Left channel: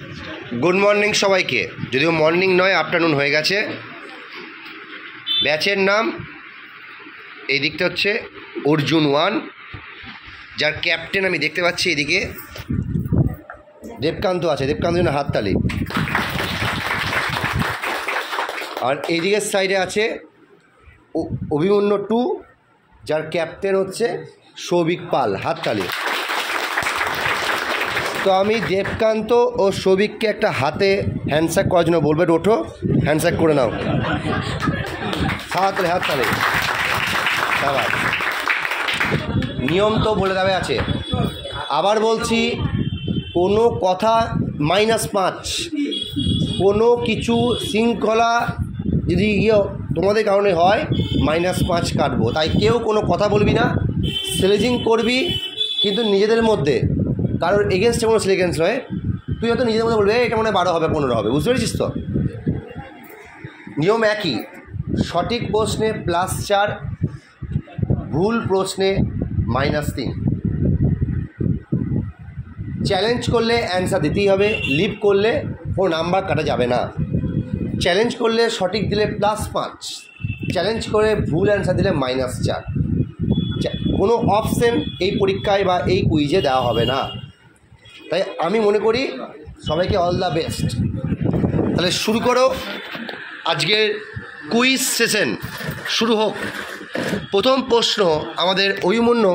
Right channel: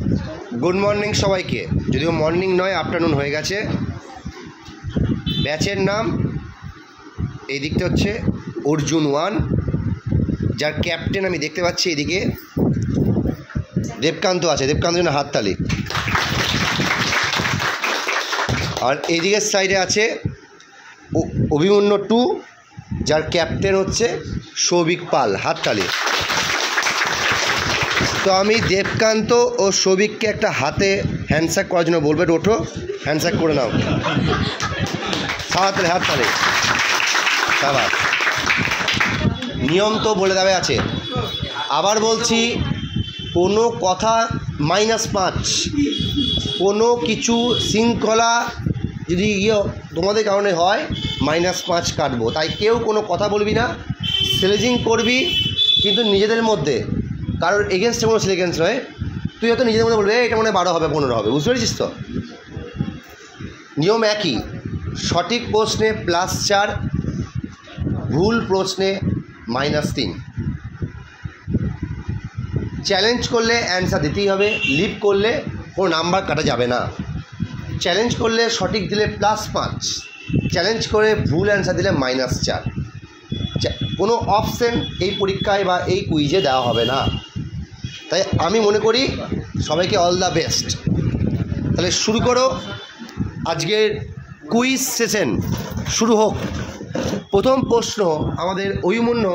Good morning সবাইকে, যদিও morning নয় আফটারনুন হয়ে গেছে। ব্যাচের নাম এই দিকটা হচ্ছে অর্জুন 1, যার ক্যাপ্টেন আমি দেখতে পাচ্ছি এদিকে দেবকান্ত আছে। দেবকান্ত জন্য হাততালি। আর এইদিকের সাইডে আছে অভিমন্যু 2, যার ক্যাপ্টেন হচ্ছে সৌভিক পাল, হাততালি। তো আমি দেবকান্ত ও সৌভিককে একটা হাতে হ্যান্ডশেক করার জন্য বলবো, ওঠো হ্যান্ডশেক করে নাও। হাততালি হাততালি। আবার নিয়ম তো বলে দেওয়া আছে, আবার বলছি, কোনো কথা -5, কোনো কিছু শৃঙ্খলা যদি তোমাদের কারণে হয় -5 কাটবো। তাই কেউ কোনো কথা বলবি না, স্লেজিং করবি কিন্তু নিজেদের মধ্যে, কারোর এগেনস্টে কোনো স্লেগেন্স নয়। তুই হয়তো নিজেদের মধ্যে বলবি এটা মনে 12 হবে 15 হবে, বুঝতে পেরেছিস তো? নিয়ম একই, সঠিক প্রশ্নে +4, ভুল প্রশ্নে -3। চ্যালেঞ্জ করলে অ্যান্সার দিতেই হবে, লিভ করলে কোনো নাম্বার কাটা যাবে না। চ্যালেঞ্জ করলে সঠিক দিলে +5, চ্যালেঞ্জ করে ভুল অ্যান্সার দিলে -4। কোনো অপশন এই পরীক্ষায় বা এই কুইজে দেওয়া হবে না। তাই আমি মনে করি সবাইকে অল দ্য বেস্ট। তাহলে শুরু করো, আজকের কুইজ সেশন শুরু হোক। প্রথম প্রশ্ন আমাদের অভিমন্যু,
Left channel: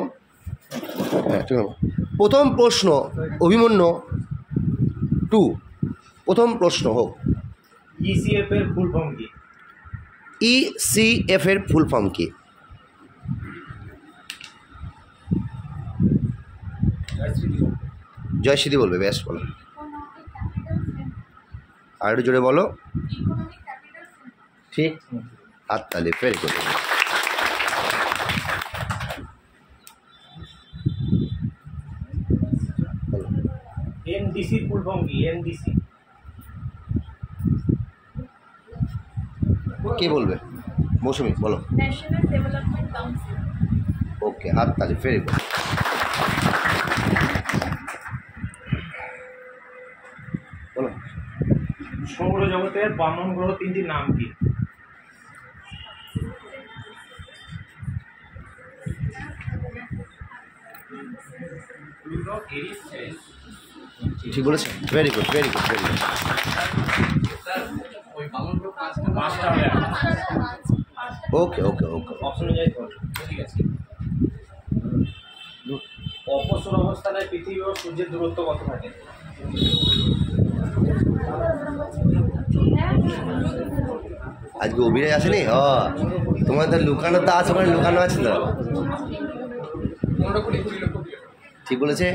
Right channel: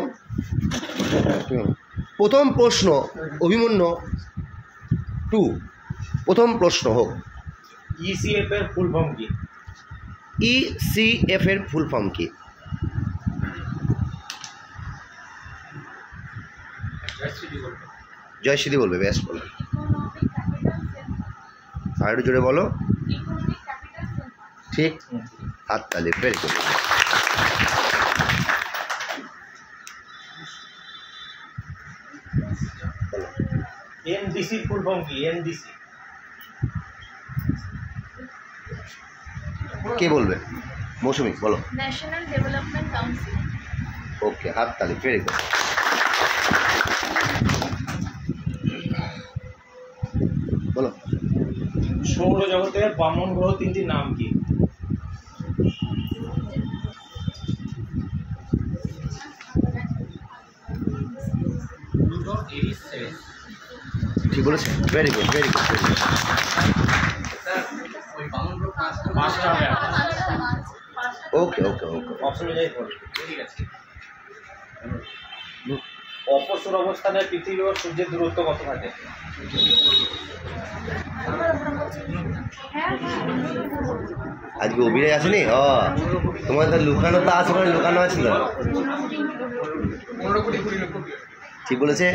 প্রথম প্রশ্ন অভিমন্যু 2, প্রথম প্রশ্ন হোক। ECF এর ফুল ফর্ম কি? ECF এর ফুল ফর্ম কি? জয়শ্রী বলবে, বেশ বলো। আর একটু জোরে বলো। ঠিক, হাততালি, very good. NDC full form কি? NDC কে বলবে? মৌসুমি বলো। National development council. ওকে, হাততালি, ভেরি গুড। বলো। সৌরজগতের বামন গ্রহ 3টির নাম কি? ঠিক বলেছে, very good very good very good. পাঁচটা হবে। ওকে ওকে ওকে। অপশন অনুযায়ী করবে, ঠিক আছে। অপসর অবস্থানে পৃথিবী ও সূর্যের দূরত্ব কত থাকে? আজকে অভিনয় আসেনি? তোমাদের লুকানো তো আছে, মানে লুকানো আছিল। ঠিক বলেছে,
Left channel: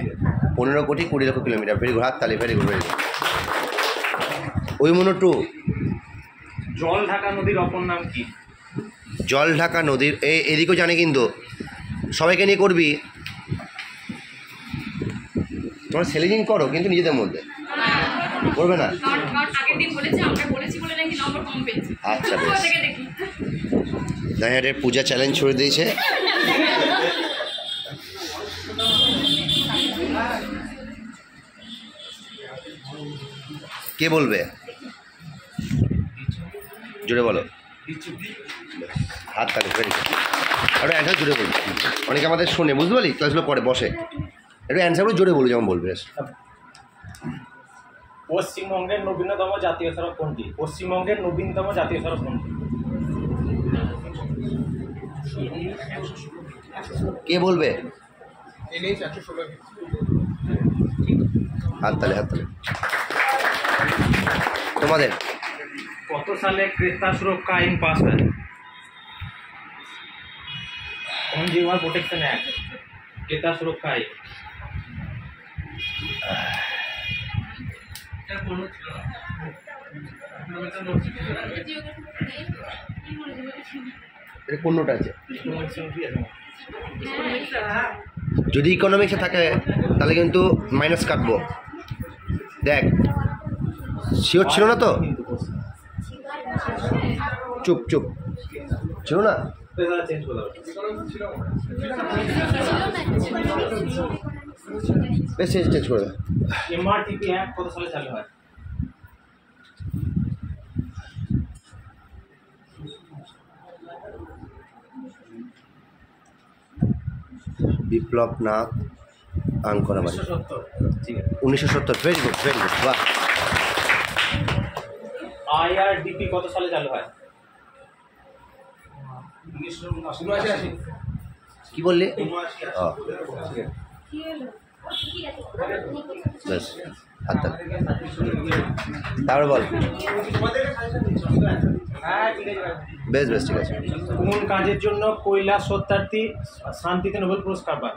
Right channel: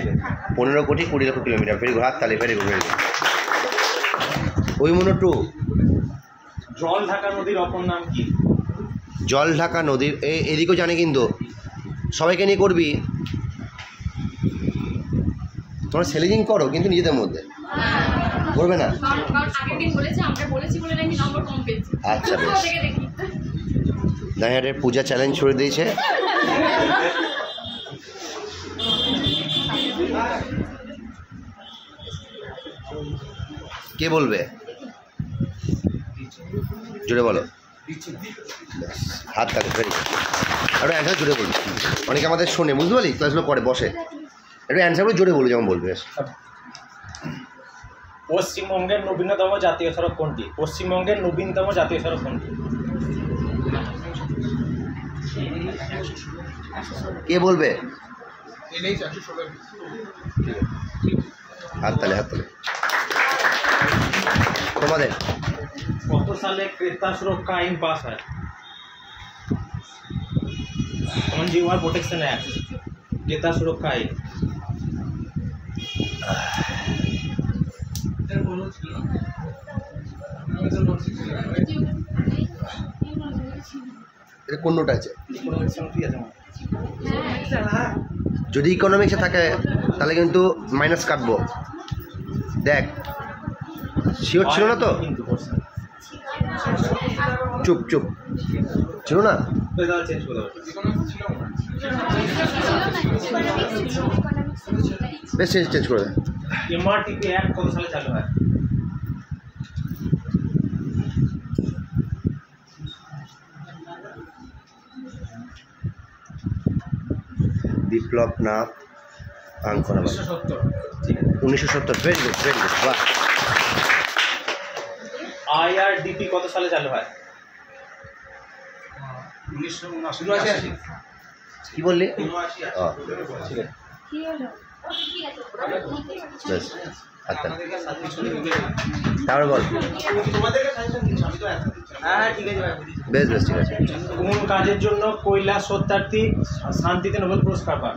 15 কোটি 20 লক্ষ কিলোমিটার। ভেরি গুড, হাততালি, very good very good. Abhimanyu 2, জল ঢাকা নদীর অপর নাম কি? জল ঢাকা নদীর, এদিকেও জানে কিন্তু সবাইকে নিয়ে করবি। তোমরা সেলিং করো কিন্তু নিজেদের মধ্যে করবে না। আচ্ছা বেশ, নাইহাটের পূজা চ্যালেঞ্জ ছড়ে দিয়েছে। কে বলবে? জোরে বলো। হাত তালি, ভেরি গুড। একটু অ্যান্সার জোরে বলবি, অনেকে আমাদের শোনে, বুঝতে পারলি? ক্লাসগুলো করে বসে, একটু অ্যান্সারগুলো জোরে বলবি যেমন বলবে। পশ্চিমবঙ্গের নবীনতম জাতীয় সড়ক কোনটি? পশ্চিমবঙ্গের নবীনতম জাতীয় সড়ক কোনটি? কে বলবে? হাততালি হাততালি। তোমাদের কত সালে ক্রেতা সুরক্ষা আইন পাস হয়? কনজিউমার প্রোটেকশন অ্যাক্ট, ক্রেতা সুরক্ষা আইন। এটা কোন নোট আছে? যদি ইকোনমিক্সে থাকে তাহলে কিন্তু মাইনাস কাটবো। দেখ, শিওর ছিল না তো? চুপ চুপ ছিল না? বেশ চেঞ্জ করে দেয়। এমআরটিপি অ্যাক্ট কত সালে চালু হয়? বিপ্লব নাথ আঙ্কনাবাড়ি। 1970। ঠিক আছে, 1970। ভেরি গুড, ভেরি গুড, বাহ। আইআরডিপি কত সালে চালু হয়? 1979। কি বললি? ও, ঠিক আছে। কি হলো? বেশ, আচ্ছা, তারপরে বল। বেশ বেশ, ঠিক আছে। কোন কাজের জন্য কৈলাস সত্যার্থী শান্তিতে নোবেল পুরস্কার পান?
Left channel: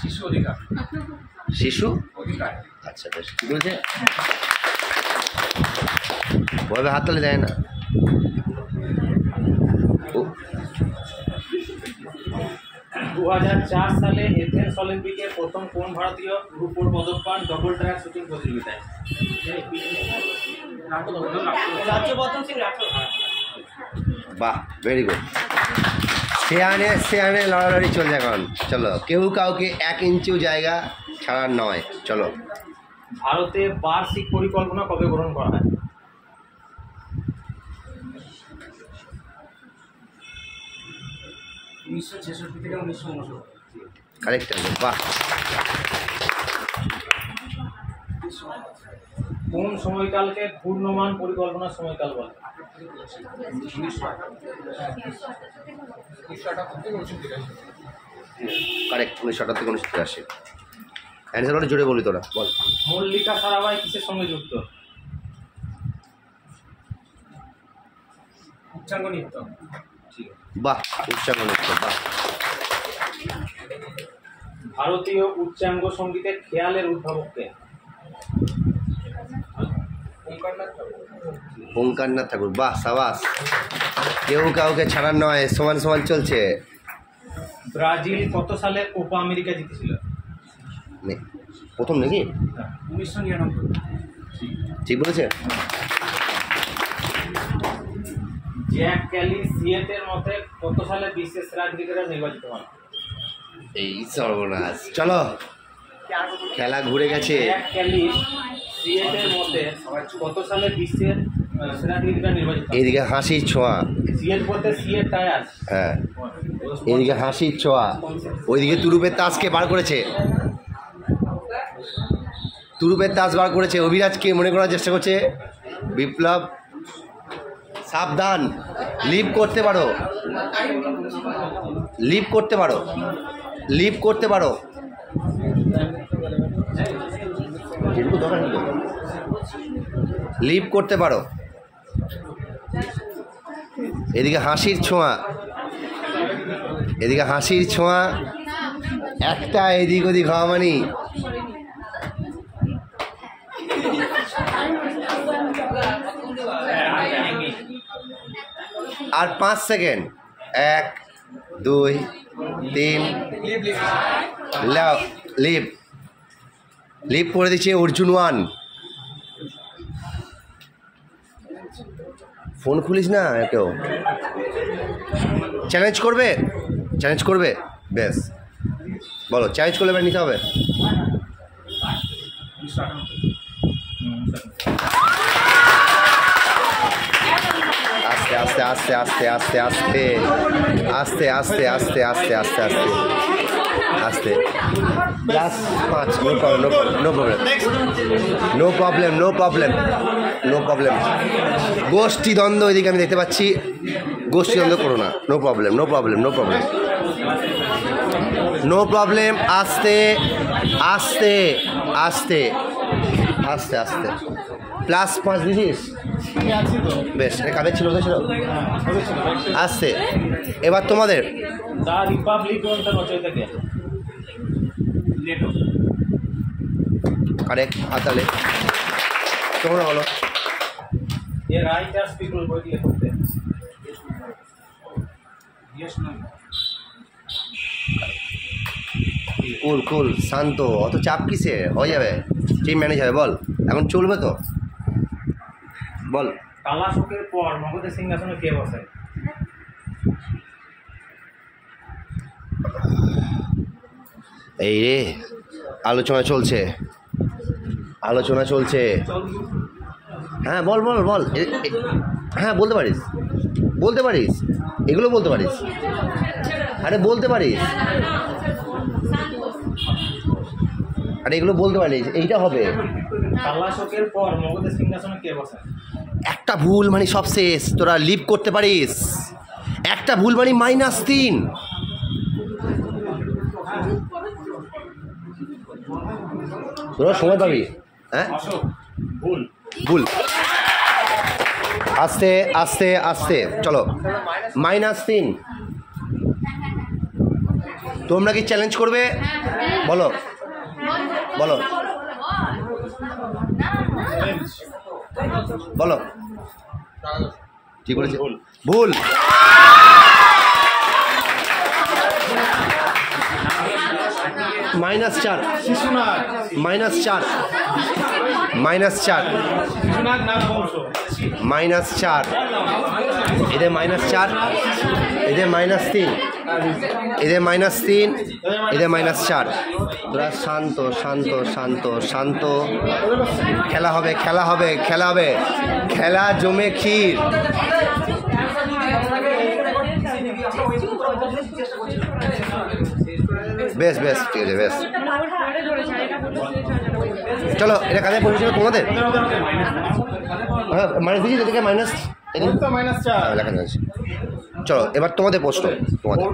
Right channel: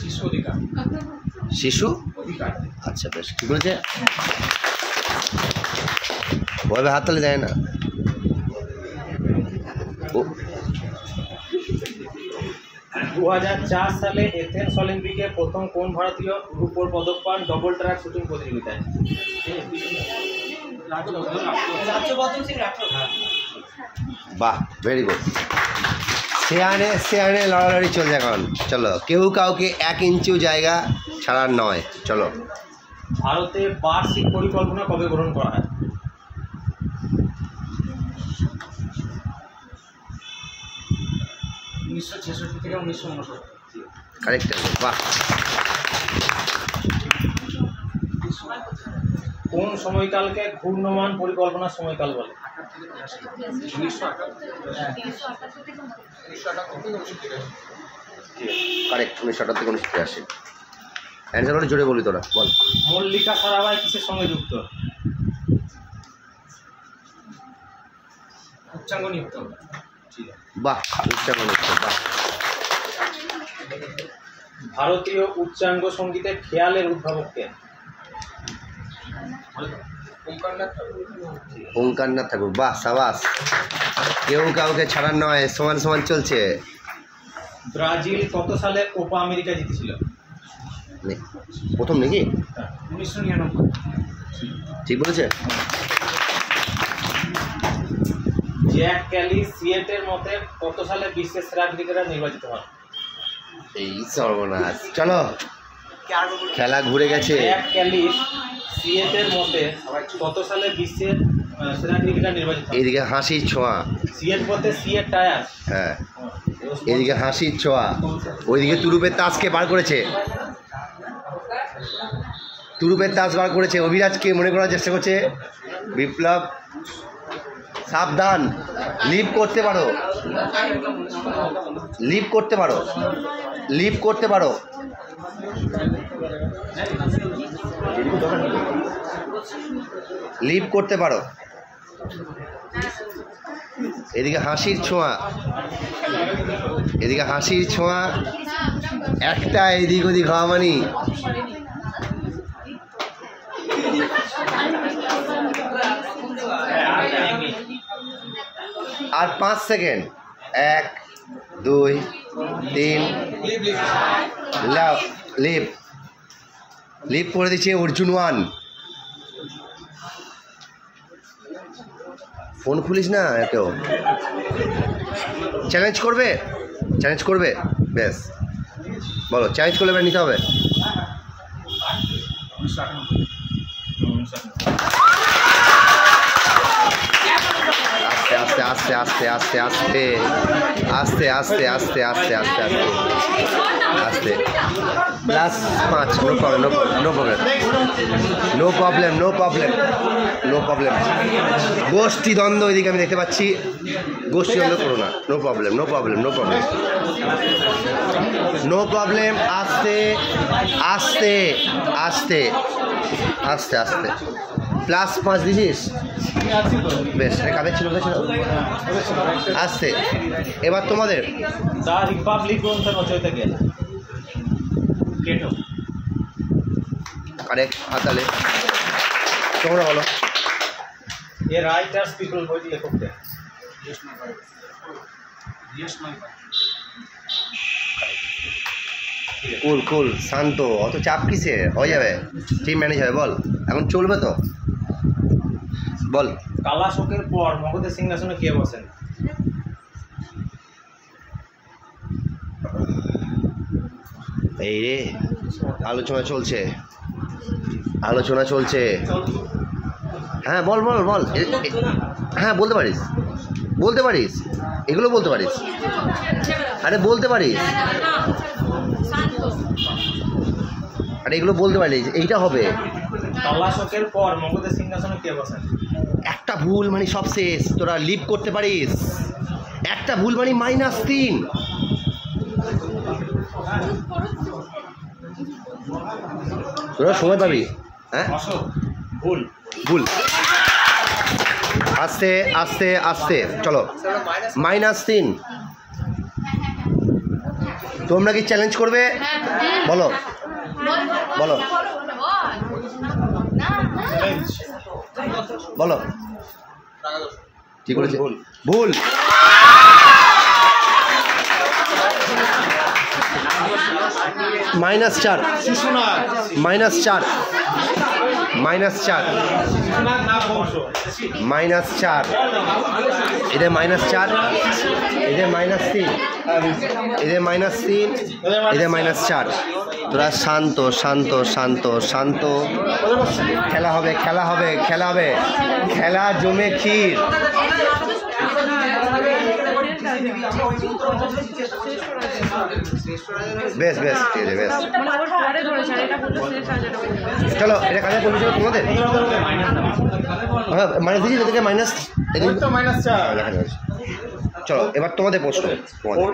শিশু অধিকার। শিশু অধিকার। আচ্ছা, বেশ, কি বলছে? ভয় হাততালি দেয় না ও। 2004 সালে এথেন্স অলিম্পিকে প্রথম কোন ভারতীয় রূপোর পদক পান ডবল ট্র্যাক শুটিং প্রতিযোগিতায়? রাজ্যবর্ধন সিং রাঠোর। বাহ, ভেরি গুড। সেয়ানে সেয়ানে লড়ালড়ি চলছে এখন। চলো, কেউ কাউকে 1 ইঞ্চিও জায়গা ছাড়ার নয়। চলো। ভারতে বার্ষিক পরিকল্পনা কবে গ্রহণ করা হয়? 1966 থেকে 1969। কারেক্ট অ্যান্সার, বাহ। কোন সময়কালকে ঘূর্ণমান পরিকল্পনার সময়কাল বলে? 1978। কারেক্ট, 1978 থেকে 1983। অ্যান্সার বলে জোরে বলি তোরা, বল। মল্লিকা সারাভাই কিসের সঙ্গে যুক্ত? উচ্চাঙ্গ নৃত্য। বাহ, উচ্চাঙ্গ নৃত্য, বাহ। ভারতীয় উচ্চাঙ্গ সঙ্গীতের খেয়ালের উদ্ভাবক কে? ওঙ্কারনাথ ঠাকুর, বাহ, সাবাস। কেউ কাউকে ছাড়ার নয়, সমান সমান চলছে। ব্রাজিল কত সালে কোপা আমেরিকা জিতেছিল? প্রথম নাকি? 1999। ঠিক বলেছে। জ্যাক ক্যালি সিয়েটের মতে কত সালে বিশ্বের সেরা ক্রিকেটার নির্বাচিত হন? এই সর্বনাশ। চলো, খেলা ঘুরে গেছে। জ্যাক ক্যালি সিয়েটের মতে কত সালে বিশ্বের সেরা ক্রিকেটার নির্বাচিত হন? এইদিকে হাসির ছোঁয়া। সিয়েট বলতে সিয়েট টায়ার। হ্যাঁ, এইদিকে হাসির ছোঁয়া। ওইদিকে তুরুপের তাসকে বার করেছে। তুরুপের তাস বার করেছে। অভিরাজকে মনে করার চেষ্টা করছে। বিপ্লব, সাবধান, লিভ করতে পারো, লিভ করতে পারো, লিভ করতে পারো। লিভ করতে পারো। এদিকে হাসির ছোঁয়া, এদিকে হাসির ছোঁয়া। একটা এদিক ওদিক হওয়া মানি। আর 5 সেকেন্ড। 1 2 3। লিভ লিভ করে দিচ্ছে অর্জুন 1। ফোন খুলিস না এতেও। চ্যালেঞ্জ করবে, চ্যালেঞ্জ করবে। বেশ, বলো, চ্যালেঞ্জ করলে এবার নিতে হবে। 1998। আস্তে আস্তে আস্তে আস্তে আস্তে আস্তে আস্তে আস্তে আস্তে আস্তে আস্তে আস্তে plus 5। No problem, no problem, no problem, no problem, no problem, no problem. গোষ্ঠী দ্বন্দ্ব এদিকে আমি দেখতে পাচ্ছি। গোষ্ঠী দ্বন্দ্ব করো না। No problem, no problem, no problem, no problem. আস্তে আস্তে আস্তে আস্তে আস্তে প্লাস 5 দিছিস। বেশ, কাদের ছিল, ছিল। আস্তে। এবার তোমাদের। দ্য রিপাবলিক গ্রন্থের রচয়িতা কে? প্লেটো। কারেক্ট, হাতালে। তোমরা বলো। এ রাইটার্স পিপল বইটি লেখক কে? কুল কুল, শান্ত, অত চাপ কিসে? হয়ে যাবে, টিম ম্যানেজ হবে। বল, এখন চলবে তো, বল। কালাশোকের পর মগধের সিংহাসনে কে বসেন? এই রে, আলোচনা চলছে, আলোচনা চলছে। হ্যাঁ বল বল বল, হ্যাঁ বলতে পারিস, বলতে পারিস, এগুলো বলতে পারিস, আরে বলতে পারিস, আরে এগুলো বলতে পারিস, এইটা হবে। তালাশকের পর মগধের সিংহাসনে কে বসেন? একটা ভুল মানে সব শেষ, তোরা লিভ করতে পারিস। একটা ভুল মানে -3। তোরা সময় পাবি। হ্যাঁ অশোক। ভুল। ভুল। আস্তে আস্তে আস্তে চলো। -3। তোমরা কি চ্যালেঞ্জ করবে? বলো বলো বলো, কি করেছে? ভুল। -4 -4 -4 -4 এদের -4 এদের -3 এদের -3 এদের -4। তোরা শান্ত শান্ত শান্ত শান্ত। খেলা হবে খেলা হবে খেলা হবে, খেলা জমে ক্ষীর। বেশ বেশ ঠিক আছে, বেশ চলো। এটা কাজে পড়েছিল তোমাদের? হ্যাঁ মাইনাস দিয়েছি, তোদেরকে মাইনাস লেখা যাচ্ছে। চলো এবার তোমাদের প্রশ্ন। তোমাদের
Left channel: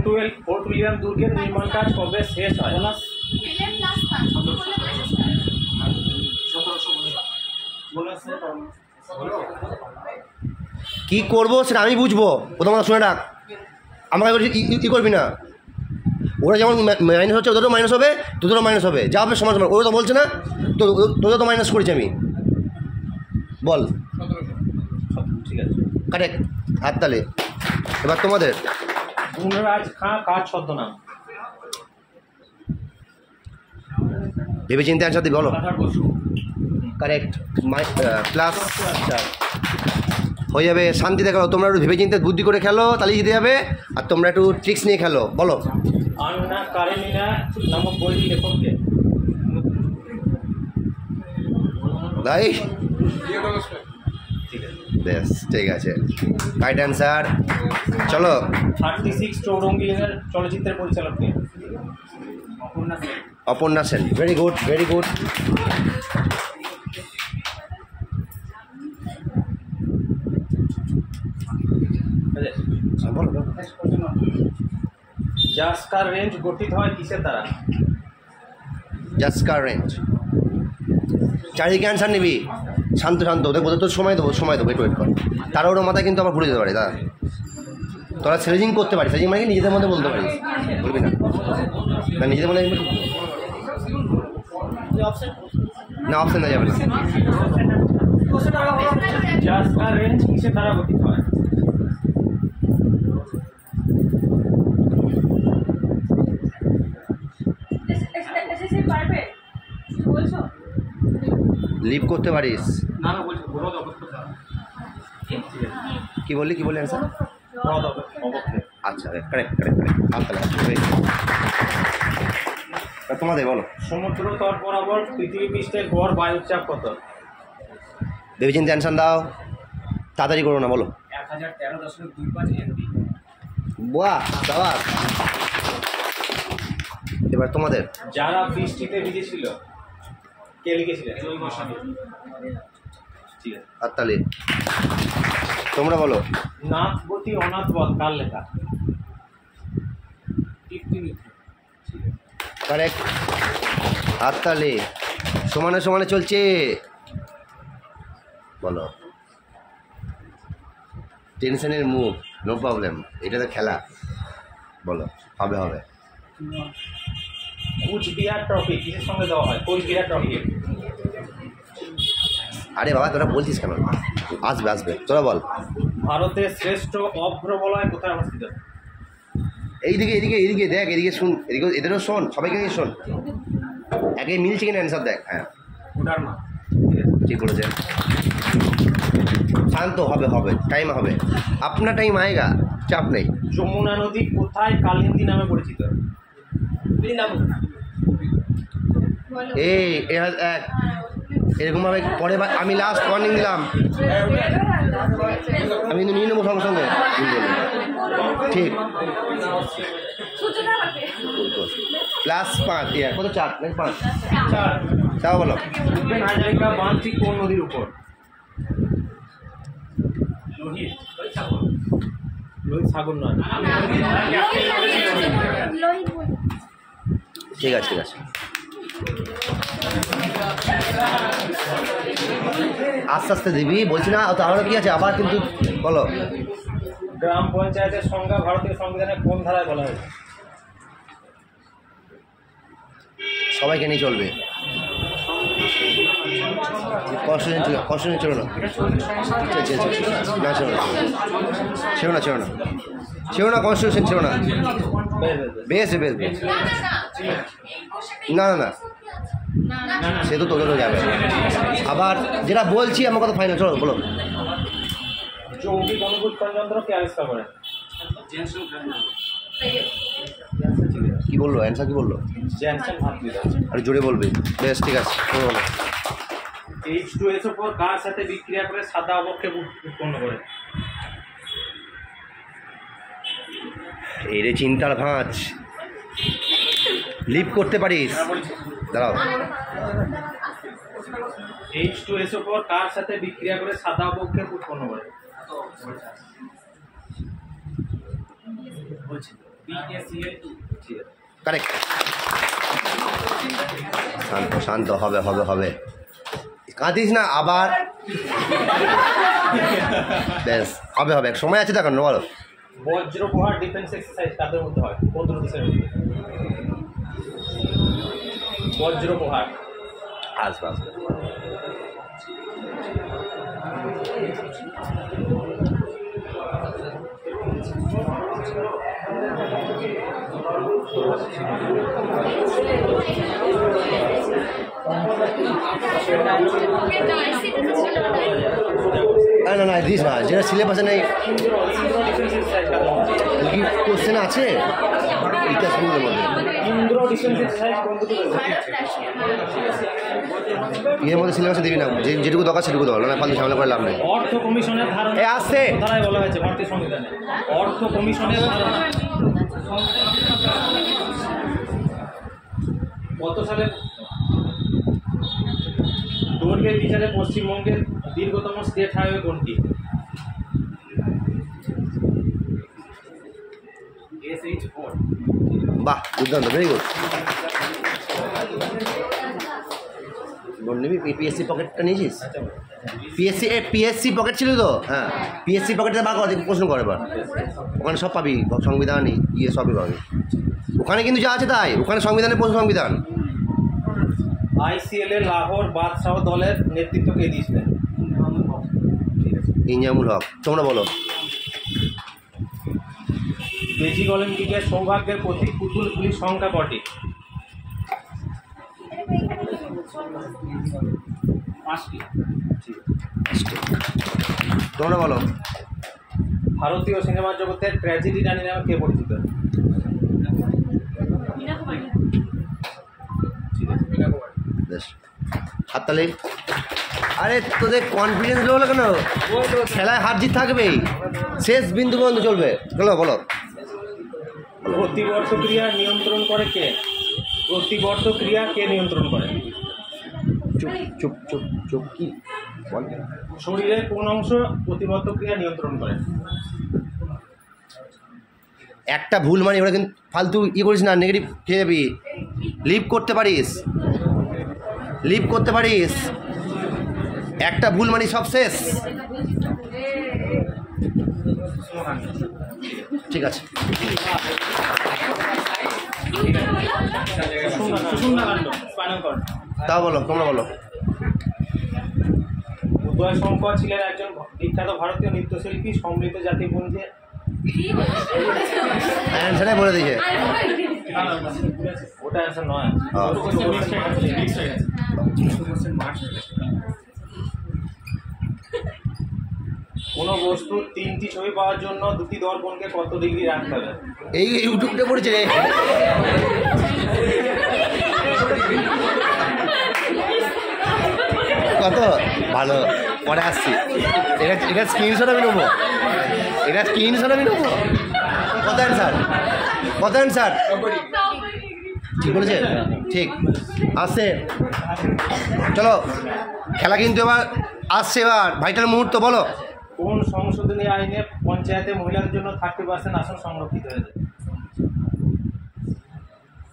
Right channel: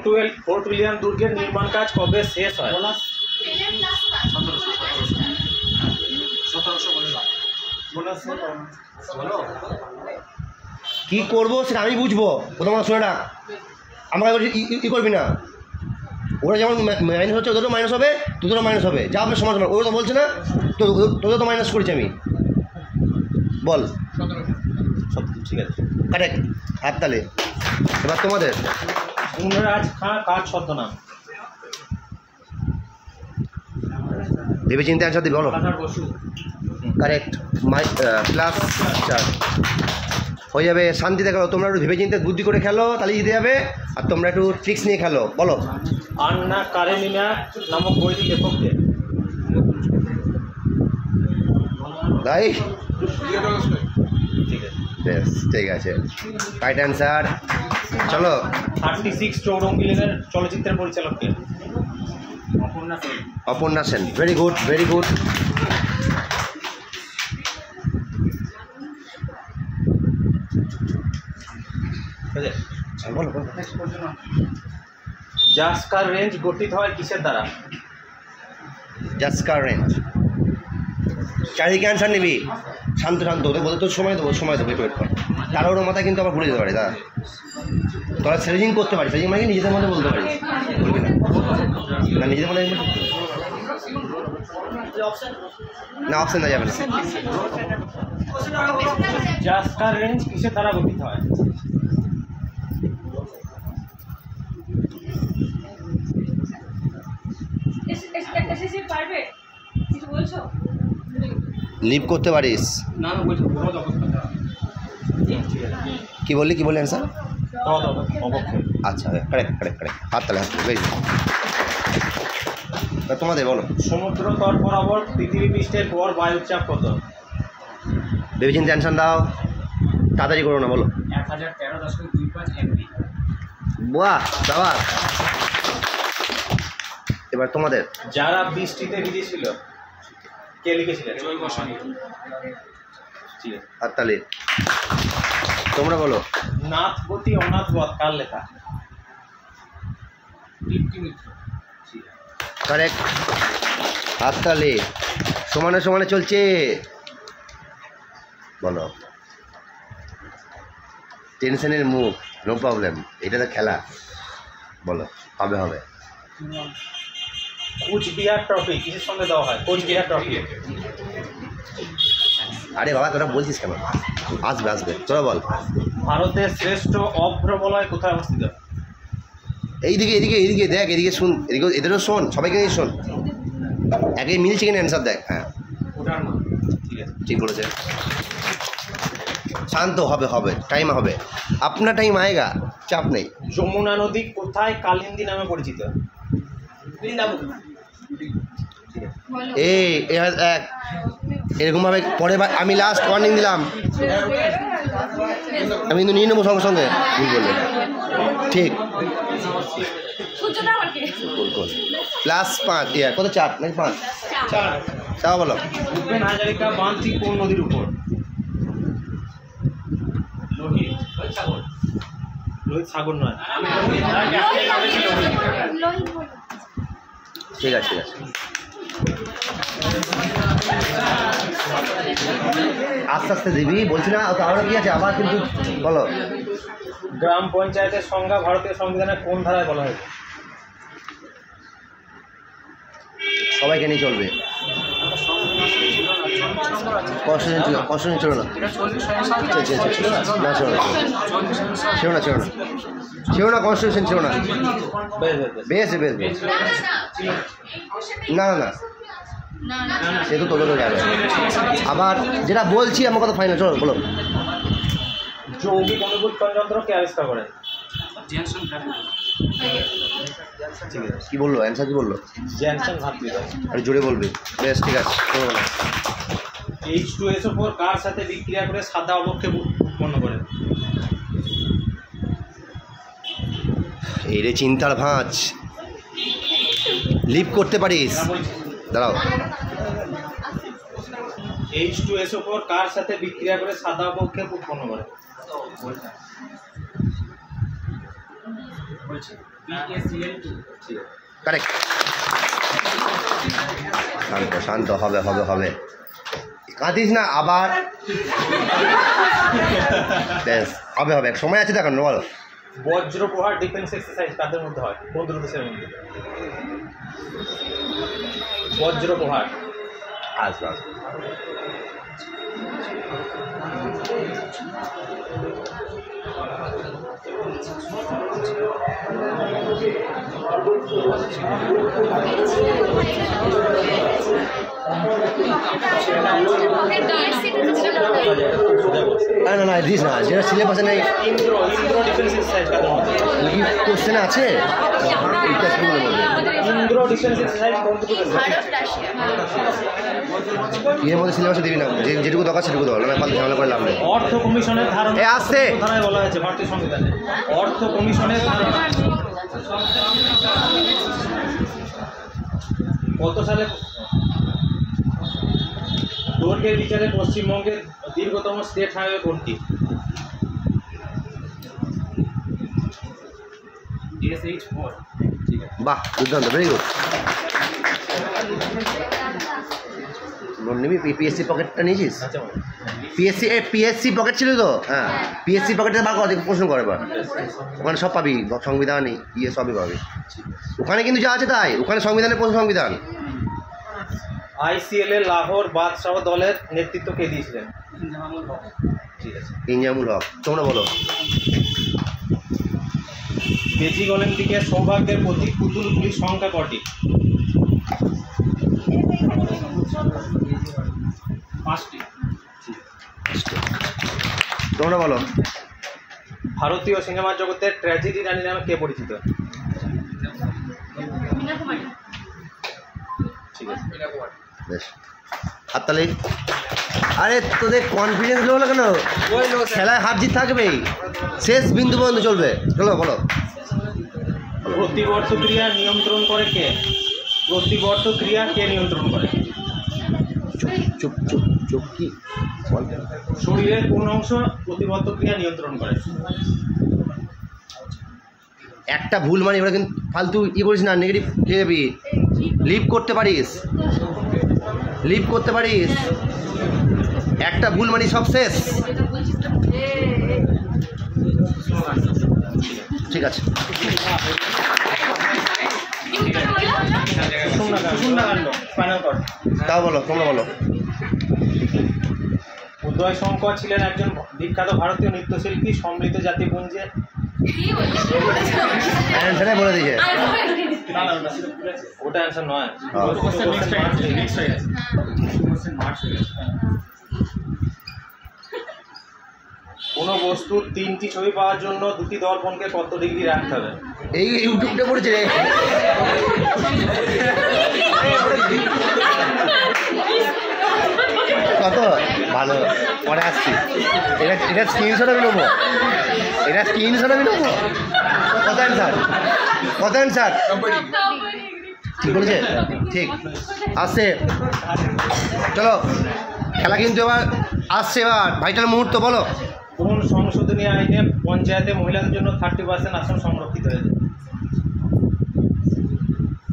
ফোর্ট উইলিয়াম দুর্গের নির্মাণ কাজ কবে শেষ হয়? কি করবো সেটা আমি বুঝবো, প্রথমত শুনে রাখ। আমাকে ই করবি না। ওরা যেমন মাইনাস হচ্ছে ওদেরও মাইনাস হবে, তোদেরও মাইনাস হবে, যা হবে সমান সমান। ওরা তো বলছে না, তো তোদের তো মাইনাস করেছি আমি। বল। ঠিক আছে, কারেক্ট, হাততালি। এবার তোমাদের। গুণরাজ খাঁ কার ছদ্মনাম? ভেবে চিন্তে অ্যান্সার দিবি, বলো। গদাধর বসু। কারেক্ট, +4 হয়ে যাবে। শান্তিতে খেলো, তোমরা একটু ভেবে চিন্তে বুদ্ধি করে খেলো, তাহলে জিতে যাবে। আর তোমরা একটু ট্রিক্স নিয়ে খেলো, বলো। আন্না কারেনিনা নামক বইটির লেখককে? ভাই ঠিক আছে, বেশ ঠিক আছে, রাইট অ্যান্সার। চলো। 36 চৌরঙ্গি লেনের চলচ্চিত্রের পরিচালককে? Aparna Sen. Very good very good. বলো বলো। জাস্কার রেঞ্জ গঠিত হয় কিসের দ্বারা? জাস্কার রেঞ্জ। চারিদিকে অ্যান্সার নিবি, শান্ত শান্ত। ওদের বলতে তোর সময় দেবো, সময় দেবো, একটু ওয়েট কর। তারা ওর মাথায় কিন্তু আবার ঘুরে যেতে পারে। দাদা তোরা সেলেজিং করতে পারিস, সেলেজিং মানে নিজেদের মধ্যে বলতে পারিস, বলবি না? না নিজেদের মধ্যে না, অপশন দেওয়া যাবে না। জাস্কার রেঞ্জ কিসের দ্বারা গঠিত হয়? লিভ করতে পারিস। না না বলছি বড় অবস্থা। কি বললি কি বললি অ্যান্সার? অবক্ষেপ। আচ্ছা কারেক্ট কারেক্ট কারেক্ট। হাত তাহলে তোমাদের বলো। সমুদ্র তট বরাবর পৃথিবী পৃষ্ঠের গড় বায়ুর চাপ কত? ভেবে চিন্তে অ্যান্সার দাও, তাড়াতাড়ি করো না, বলো। 1013.25 MB। বাহ বাবা। এবার তোমাদের। যারা বৃষ্টিতে ভিজেছিল কে লিখেছিলেন? ঠিক আছে, হাততালি। তোমরা বলো। নাথবতী অনাথবধ কার লেখা? দীপ্তি মিত্র। কারেক্ট, হাততালি। সমানে সমানে চলছে, বলো। টেনশনের মুখ, নো প্রবলেম, এটা তো খেলা, বলো। হবে হবে। কুচবিহার ট্রফি কিসের সঙ্গে দেওয়া হয়? কুচবিহার ট্রফি। আরে বাবা তোরা বলছিস কেন? আসবে আসবে, তোরা বল। ভারতের শ্রেষ্ঠ অভ্রবলয় কোথায় অবস্থিত? এইদিকে এদিকে এইদিকে দেখ, এদিকে শুন, এদিকে এদেরও শোন, সবাইকে নিয়ে শোন। একে মিলছে কিনা অ্যান্সার দেখ। হ্যাঁ ওটার মা। ঠিক বলেছে। শান্ত হবে হবে, টাইম হবে, আপনার টাইম আয়েগা, চাপ নেই। যমুনা নদী কোথায় কালিন্দী নামে পরিচিত? এই এক এরকমভাবে পরে আমি লাস্ট ওয়ার্নিং দিলাম, আমি কিন্তু নিয়ে নেবো সঙ্গে সঙ্গে। ঠিক +5 কত 4 নাকি 5? 4 বলো। ভূপেন হাজারিকা বাঁধটি কোন নদীর উপর? লোহিত লোহিত সাগর নয়। ঠিক আছে ঠিক আছে, আস্তে আস্তে দিবি বলছি না, তাহলে কি আছে আবার কিন্তু বলো। গ্রাম পঞ্চায়েতের সংজ্ঞা ভারতীয় সংবিধানের কোন ধারায় বলা হয়েছে? সবাইকে নিয়ে চলবে। কনস্টিটিউশন ছিল না, না ছিল না কনস্টিটিউশন ছিল না। বেশ বেশ বেশ, না না না সে তো তোদেরও যাবে। আবার যেটা বলছি আমার কথা ফাইনাল, চলো বলো। যৌগিক অনুবুৎপন্ন যন্ত্র কে আবিষ্কার করেন? কি বললো অ্যান্সার, কি বললো? জ্যানসন ভাতৃদ্বয়। আর জোরে বলবে। বেশ ঠিক আছে, বলো। H2SO4 কার সাথে বিক্রিয়া করে সাদা অবক্ষেপ উৎপন্ন করে? এই রে চিন্তার ভাঁজ, লিপ করতে পারিস? দাঁড়াও, H2SO4 কার সাথে বিক্রিয়া করে সাদা অবক্ষেপ উৎপন্ন করে? BaCl2। কারেক্ট। শান্ত শান্ত, হবে হবে হবে, কাঁদিস না আবার। বেশ হবে হবে, সময় আছে দেখো, বলো। বজ্রপ্রহার ডিফেন্স এক্সারসাইজ কাদের মধ্যে হয়? কোন দুটো দেশের মধ্যে? বজ্রপ্রহার। আসবে আসবে। না না দিস না, যেটা সিলেবাসে নেই। কি কোশ্চেন আছে ইতিহাস ভূগোলের মধ্যে? এর মধ্যে সিলেবাসে দিবি না, যেটুকু দরকার সেটুকু দেওয়া, না পাল্টে ঝামেলা করে লাভ নেই। অর্থ কমিশনের ধারণা আসছে ধারায় বলা হয়েছে ভারতীয় সংবিধানে? অর্থ কমিশনের ধারণা কত সালে? দৈর্ঘ্যের বিচারে পশ্চিমবঙ্গের দীর্ঘতম স্টেট হাইওয়ে কোনটি? SH4। বাহ, দুর্দান্ত, ভেরি গুড। নিবি পিএসসি পকেটটা নিয়েছিস? পিএসসি পকেট ছিল তো? হ্যাঁ, পিএসসি পকেটে বার কর, প্রশ্ন করে এবার। ওখানে সব পাবি, সংবিধান ইয়ে সবই পাবি ওখানে, কিন্তু যা আছে তাই ওখানে সংবিধানের প্রশ্ন। সংবিধান। ICL এ লাহোর বাদশাহ দলের নেতৃত্ব কে দিয়েছিলেন? ঠিক আছে, ইনজামুল হক। তোমরা বলো। বেজিং অলিম্পিকের সৌভাগ্যের প্রতীক পুতুলগুলির সংখ্যা কটি? 5টি। তোমরা বলো। ভারতীয় সিনেমা জগতের ট্র্যাজেডি রানী নামে কে পরিচিত? ঠিক আছে, বেশ, হাততালি। আরে তোদের কনফিডেন্স লো হলো কেন? খেলায় হার জিত থাকবেই, শেষ বিন্দু পর্যন্ত চলবে। চলো বলো। প্রতিবর্ত ক্রিয়া নিয়ন্ত্রণ করে কে? প্রতিবর্ত ক্রিয়া কে নিয়ন্ত্রণ করে? চুপ চুপ চুপ চুপ, কি বল? শরীরের কোন অংশ প্রতিবর্ত ক্রিয়া নিয়ন্ত্রণ করে? একটা ভুল মানে ওরা কিন্তু ফালতু ই করিস না, নেগেটিভ খেয়ে যাবি। লিভ করতে পারিস, লিভ করতে পারিস, একটা ভুল মানে সব শেষ। ঠিক আছে, তাও বলো, তোমরা বলো। উদয় শঙ্কর ছিলেন একজন বিখ্যাত ভারতীয় নৃত্যশিল্পী। সমৃদ্ধ জাতিপুঞ্জে অ্যান্সারে বলে দিকে। ওটা অ্যান্সার নয়। কোনো বস্তুর 3টি ছবি পাওয়ার জন্য 2টি দর্পণকে কত ডিগ্রি রাখতে হবে? এই ইউটিউবটা পড়েছে রে। কত ভালো, পরে আসছি। এটা স্ক্রিনশট আমি নেবো, এটা স্ক্রিনশট আমি নেবো। কত অ্যান্সার, কত অ্যান্সার? ঠিক বলেছে, ঠিক। আসছে, চলো খেলা কিন্তু এবার আসছে। এবার ভাইটাল মুহূর্ত, বলো। কোন সংশোধনী আইনে পঞ্চায়েতে মহিলাদের জন্য 30% আসন সংরক্ষিত হয়েছে?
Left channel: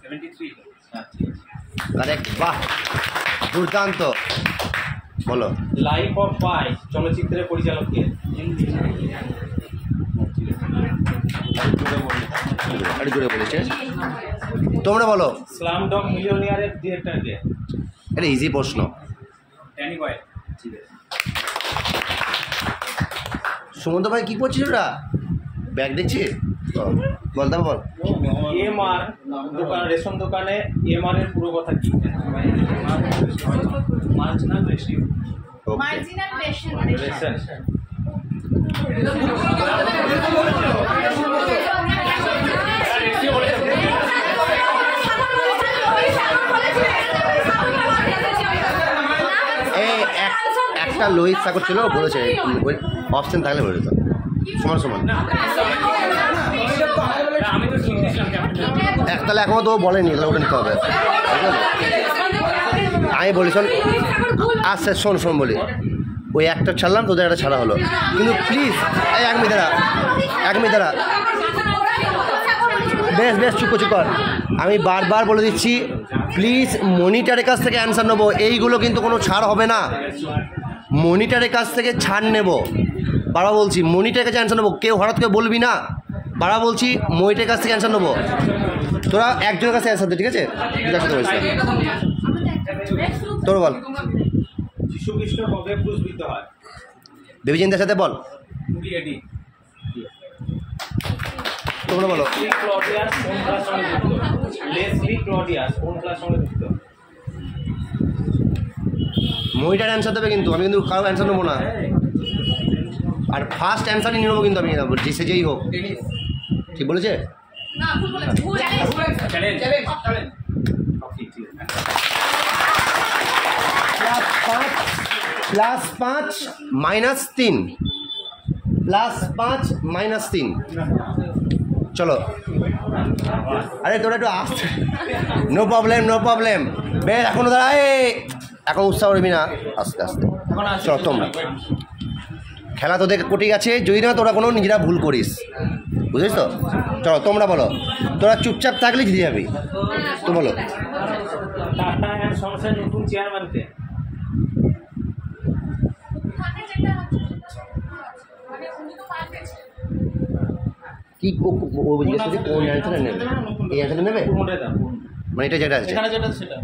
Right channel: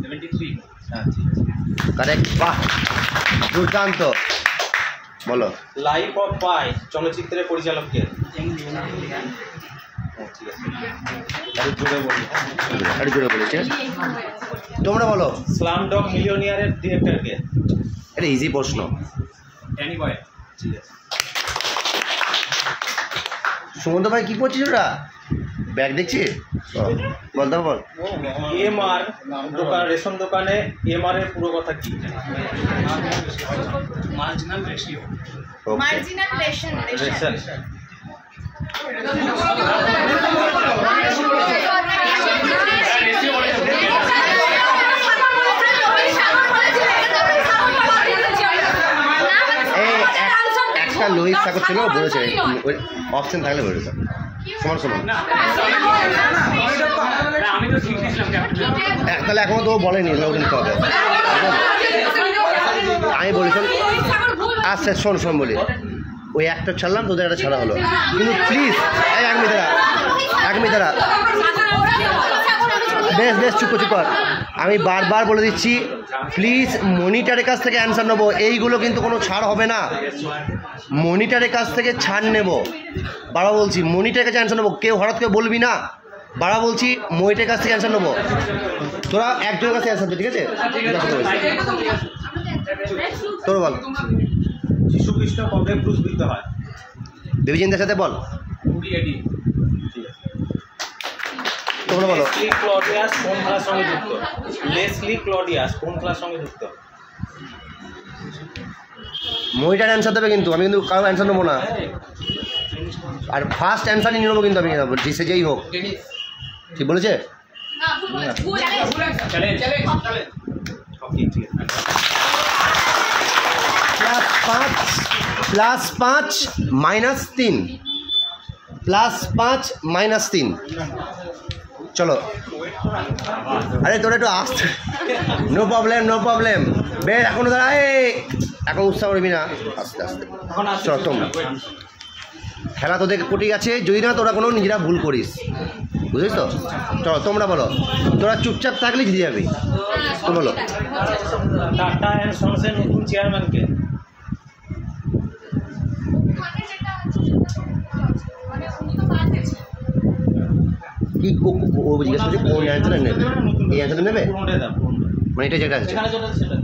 73। কারেক্ট, বাহ, দুর্দান্ত। বলো। লাইফ অফ পাই চলচ্চিত্রের পরিচালক কে? আরে জোরে বলেছে, তোমরা বলো। স্লাম ডগ মিলিয়নিয়ারের ডিরেক্টর কে? এটা ইজি প্রশ্ন। Danny Boyle. ঠিক আছে। সুমন্ত ভাই কী করছিস ওটা? ব্যাগ দেখছি, বল তারপর বল। এমআর দোকান, রেশন দোকানে এমআর এর পুরো কথা কি? Marginal ratio. Okay, marginal ration. এই একটা লোহিত সাগর ছিল, বলেছে ওই অপশন থাকলে বলে দিত সমান সমান। আমি তো ঠিক দিয়েছিলাম ক্যাপ্টেন। তাহলে এখনও তো ও বলেনি, ওটা নিতে হবে। আমি বলি শোন, আচ্ছা শোন শোন বলি, ওই একটা ছাড়লাম, তোদের একটা ছাড়া হলো, কিন্তু প্লিজ এই 1 মিনিট দাঁড়া, 1 মিনিট দাঁড়া, বেশ বেশ চুপ কর। আমি বারবার বলে দিচ্ছি, প্লিজ মনিটারের কাছ থেকে অ্যান্সার নেবো, এইগুলো কিন্তু কোনো ছাড় হবে না। মনিটারের কাছ থেকে ছাড় নেব, বাবা বলছি, মনিটারের কাছে অ্যান্সার নেবো। কেউ হঠাৎ করে বলবি না, বাবা বলছি, মনিটারের কাছ থেকে অ্যান্সার নেবো। তোরা একজনের কাছে অ্যান্সার দে, ঠিক আছে? তোর বল। যীশু খ্রিস্ট কবে ক্রুশবিদ্ধ হয়? বিবেচনার সাথে বল। 20 AD। তোমরা বলো। লেসলি ক্লডিয়াস কোন খেলার সঙ্গে যুক্ত? লেসলি ক্লডিয়াস কোন খেলার সঙ্গে যুক্ত? মনিটার অ্যান্সার দেবে, কিন্তু আমি কিন্তু কারো অ্যান্সার নেবো না, আর ফার্স্ট অ্যান্সারই নিয়ে নেবো কিন্তু আমি, সে যেই হোক। ঠিক বলেছে? না, ভুল বলেছে, ভুল। হকি, ঠিক আছে। +5 -3 +5 -3। চলো, আরে তোরা একটু আসতে, নো প্রবলেম নো প্রবলেম। বেশ, এখনো দাঁড়া, এখন উৎসাহ করবি না, আস্তে আস্তে। চলো তোমরা, খেলা তোদের কোটি আছে, যদি না তোরা কোনো নিজেরা ভুল করিস, বুঝিস তো? চলো তোমরা বলো, তোরা চুপচাপ থাকলে জিতে যাবি, তো বলো। টাটা অ্যান্ড সন্সের নতুন চেয়ারম্যান কে? ওখানে যেটা আছে মানে উনি তো পাল্টেছে। কি ও জিজ্ঞেস করছে কোন অ্যান্সারটা নেবে, এই অ্যান্সারটা নেবে, পুরোটাই দাও, মানে এটা যেটা আছে। এখানে যেটা সেটা।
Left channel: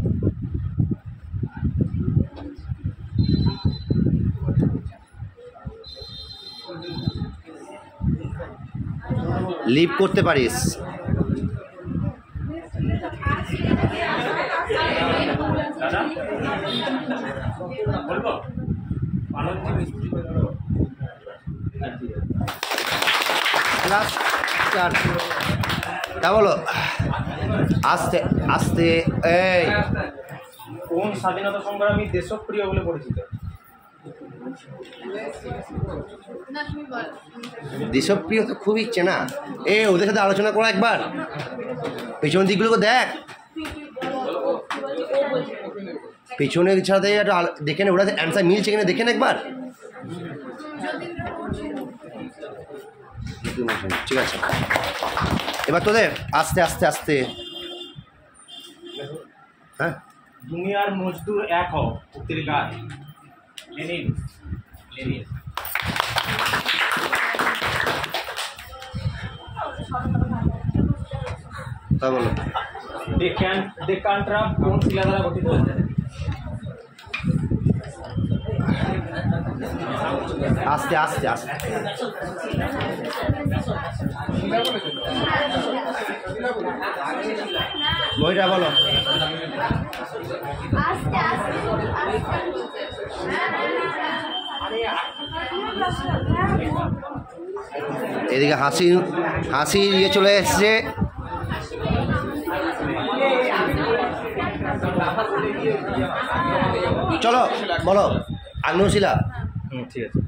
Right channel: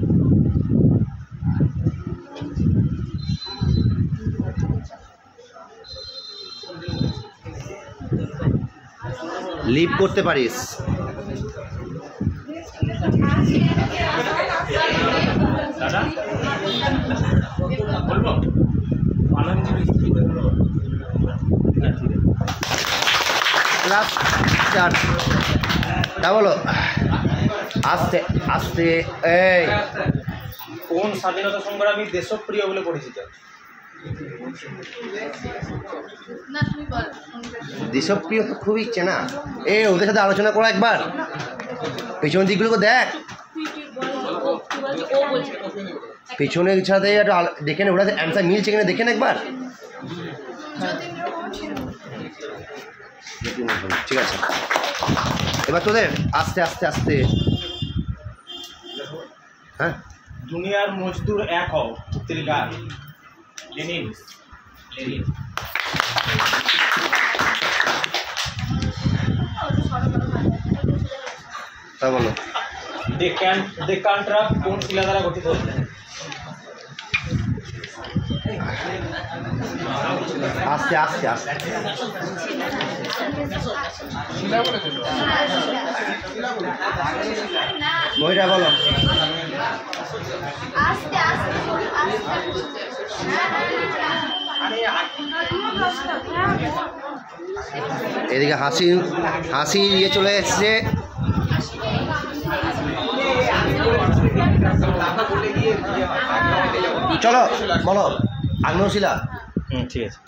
লিভ করতে পারিস। দাদা বলবো, আনন্দজি মিস্ত্রি। +4। তা বলো, আস্তে আস্তে। এই কোন স্বাধীনতা সংগ্রামী দেশপ্রিয় বলে পরিচিত? না, তুমি বলো। দেশপ্রিয় তো খুবই চেনা, ওদের সাথে আলোচনা করো একবার, পেছনের দিকগুলোকে দেখ, পেছনের সাথে একটু দেখে নে, ওরা অ্যান্সার মিলছে কিনা দেখেন একবার। ঠিক আছে, এবার তোদের আস্তে আস্তে আস্তে। হ্যাঁ, দুনিয়ার মজদুর এক হও উক্তির কার? লেনিন। লেনিন। তা বলো। ডেকান ট্রাপ কোন শিলা দ্বারা গঠিত? আস্তে আস্তে আস্তে। মহিলা বলো। আস্তে আস্তে এদিকে হাসি হাসি ইয়ে চলে এসছে। চলো বলো আগ্নেয়শিলা ঠিক আছে।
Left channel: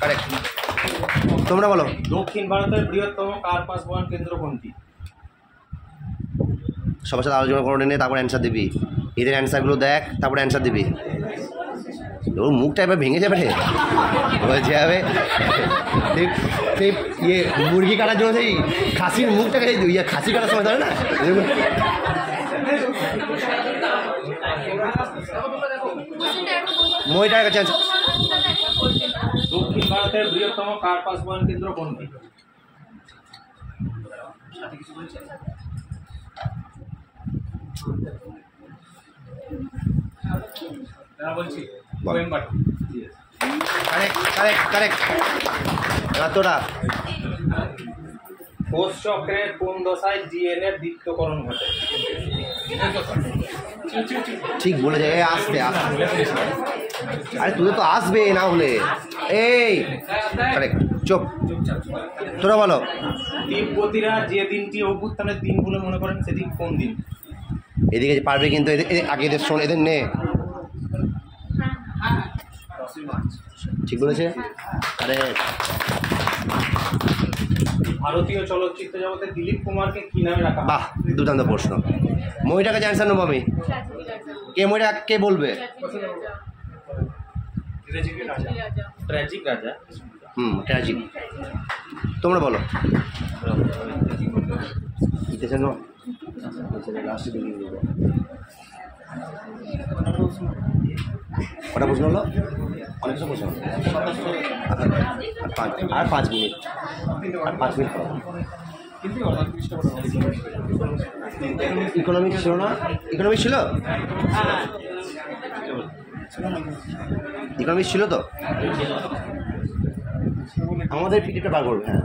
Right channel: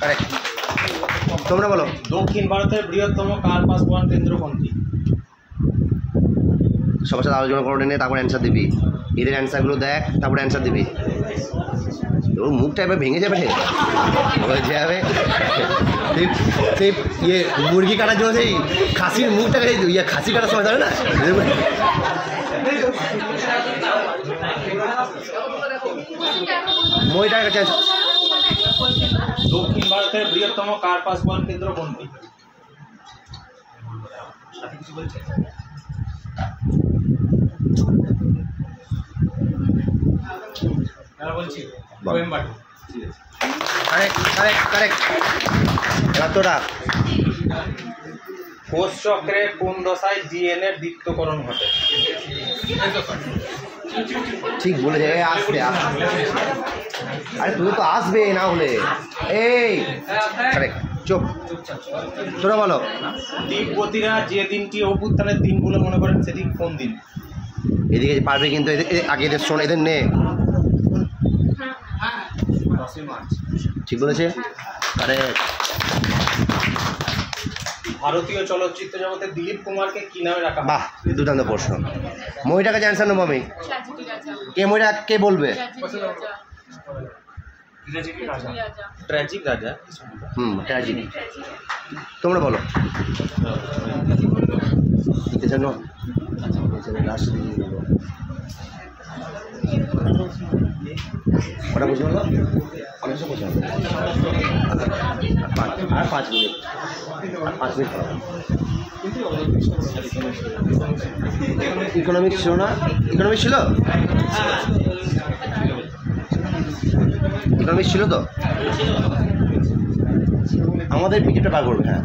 কারেক্ট। তোমরা বলো দক্ষিণ ভারতের বৃহত্তম কার পাস বহন কেন্দ্র কোনটি? সবার সাথে আলোচনা করে নে, তারপর অ্যান্সার দিবি। এদের অ্যান্সারগুলো দেখ, তারপরে অ্যান্সার দিবি। ওর মুখটা এবার ভেঙে যাবে, হয়ে যাবে। সেই ইয়ে মুরগি কাটার জন্য সেই খাসির মুখটাকে ইয়ে খাসি কাটার সময় ধরে না, মইটার কাছে। দক্ষিণ ভারতের বৃহত্তম কার পাস বহন কেন্দ্র কোনটি? সাথে কিছু বলছে? তারা বলছি কোয়েম্বাটুর। Correct correct correct. এবার তোরা কোষ চক্রের কোন দশায় ডিএনএর দ্বিত্বকরণ ঘটে? ঠিক বলে যায়, আসবে আসবে। আরে তুই তো আসবে না হলে এই কারেক্ট। চুপ, তোরা বলো। তিব্বতীরা যে দিনটি অভ্যুত্থানের দিন বলে মনে করেন সেটি কোন দিন? এদিকে পারবে কিন্তু, আগে এদের শোন, এদের নে। 10ই মার্চ। ঠিক বলেছে, কারেক্ট। ভারতীয় চলচ্চিত্র জগতে দিলীপ কুমারকে কি নামে রাখা হয়? বাহ, দুর্দান্ত প্রশ্ন। মইটার কাছে অ্যান্সার নেবো আমি। কে মইটা কে বলবে? ট্র্যাজিক রাজা। ট্র্যাজিক। তোমরা বলো। লাস্টে দিকে দেবো। কটা প্রশ্ন হলো? অনেক সব প্রশ্ন হলো। আর 5 মিনিট, আর 5 মিনিট করাবো। ইকোনমিক্স ছিল না? ইকোনমিক্স ছিল, ইকোনমিক্স ছিল তো। আমাদের পিকেটটা বার করবে। হ্যাঁ,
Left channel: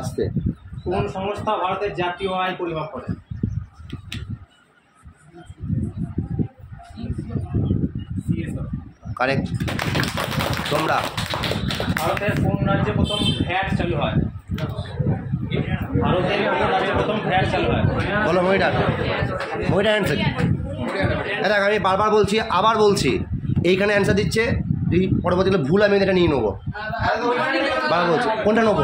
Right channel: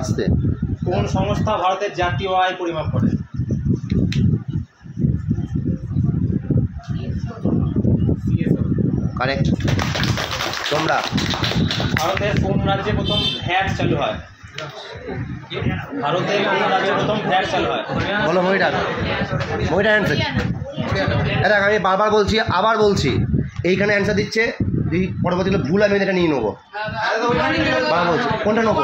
আসতে। কোন সংস্থা ভারতের জাতীয় আয় পরিমাপ করে? কারেক্ট। তোমরা ভারতের কোন রাজ্যে প্রথম ভ্যাট চালু হয়? ভারতের কোন রাজ্যে প্রথম ভ্যাট চালু হয়? বলো মইটা, মইটা অ্যান্সার। দেখ আমি বারবার বলছি, আবার বলছি, এইখানে অ্যান্সার দিচ্ছে, যদি পরবর্তীকালে ভুল আমি এটা নিয়ে নেবো। বারবার বলছি, কোনটা নেবো,